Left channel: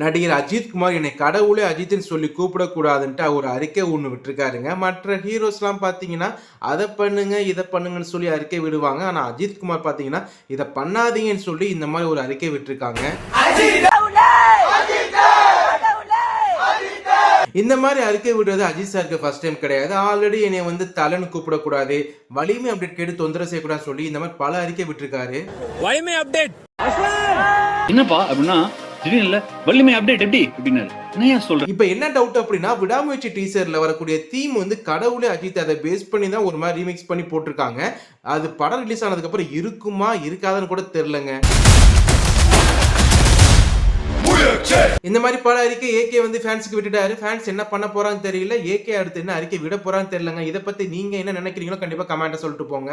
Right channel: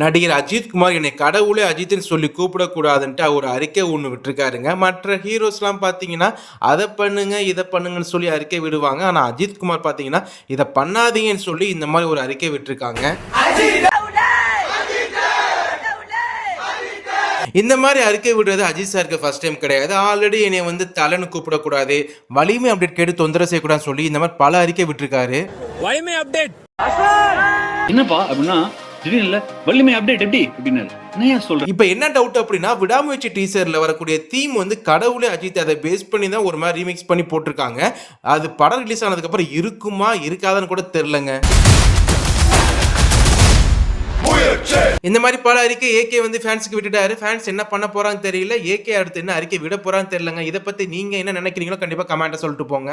நடிகர் அஜித் குமார் என்னை கடவுளே அஜித்னு சொல்லி கூப்பிடக்கூடாதுன்ட்டு அவர் அறிக்கை ஒன்று விட்டுருக்காருங்க. மற்ற ஹீரோஸ்லாம் பார்த்தீங்கன்னா அதை பண்ணுங்க இதை பண்ணுங்கன்னு சொல்லி அறிக்கை விடுவாங்க. ஆனால் அஜித் குமார் பார்த்தீங்கன்னா இதை பண்ணாதீங்கன்னு சொல்லி இந்த மாதிரி ஒரு அறிக்கை விட்டுருக்காங்க. இந்த மாதிரி அறிக்கை விடுறது அஜித் சாருக்கு ஃபர்ஸ்ட் டைம் கிடையாது. ஆல்ரெடி என்னை வந்து தலைன்னு கூப்பிடக்கூடாது, வலிமை அப்டேட் கேட்டு தொந்தரவு செய்யக்கூடாதுன்னு சொல்லி இந்த மாதிரி பல அறிக்கை விட்டுருக்காரு. வலிமை அப்டேட் என்னப்பா அப்படின்னா திடீர்னு வலிமை அப்டேட் எப்படி அப்படின்னாரு. இப்போ என்ன டவுட் அப்படின்னா, விடாமுயற்சி டீசர்ல வரக்கூடிய தீம் வந்து கடவுளே அஜித் அதை பேஸ் பண்ணி தான் ஒரு மாதிரி ரீமிக்ஸ் பண்ணி போட்டிருக்காங்க. அது படம் ரிலீஸ் ஆனதுக்கு அப்புறம் இருக்குமா இருக்காதுன்னு கூட தெரியலங்க. இந்த மாதிரி பல அறிக்கை ஏகே வந்து ஃபேன்ஸுக்கு விட்டுட்டாரு. ஃபேன்ஸ் என்ன பண்ண போறான்னு தெரியல. ஏகே அடுத்து என்ன அறிக்கை விட போறான்னு தெரியலங்க. இதை பத்தி நீங்க என்ன நினைக்கிறீங்களோ கண்டிப்பா கமெண்ட்ல சொல்லிட்டு போங்க.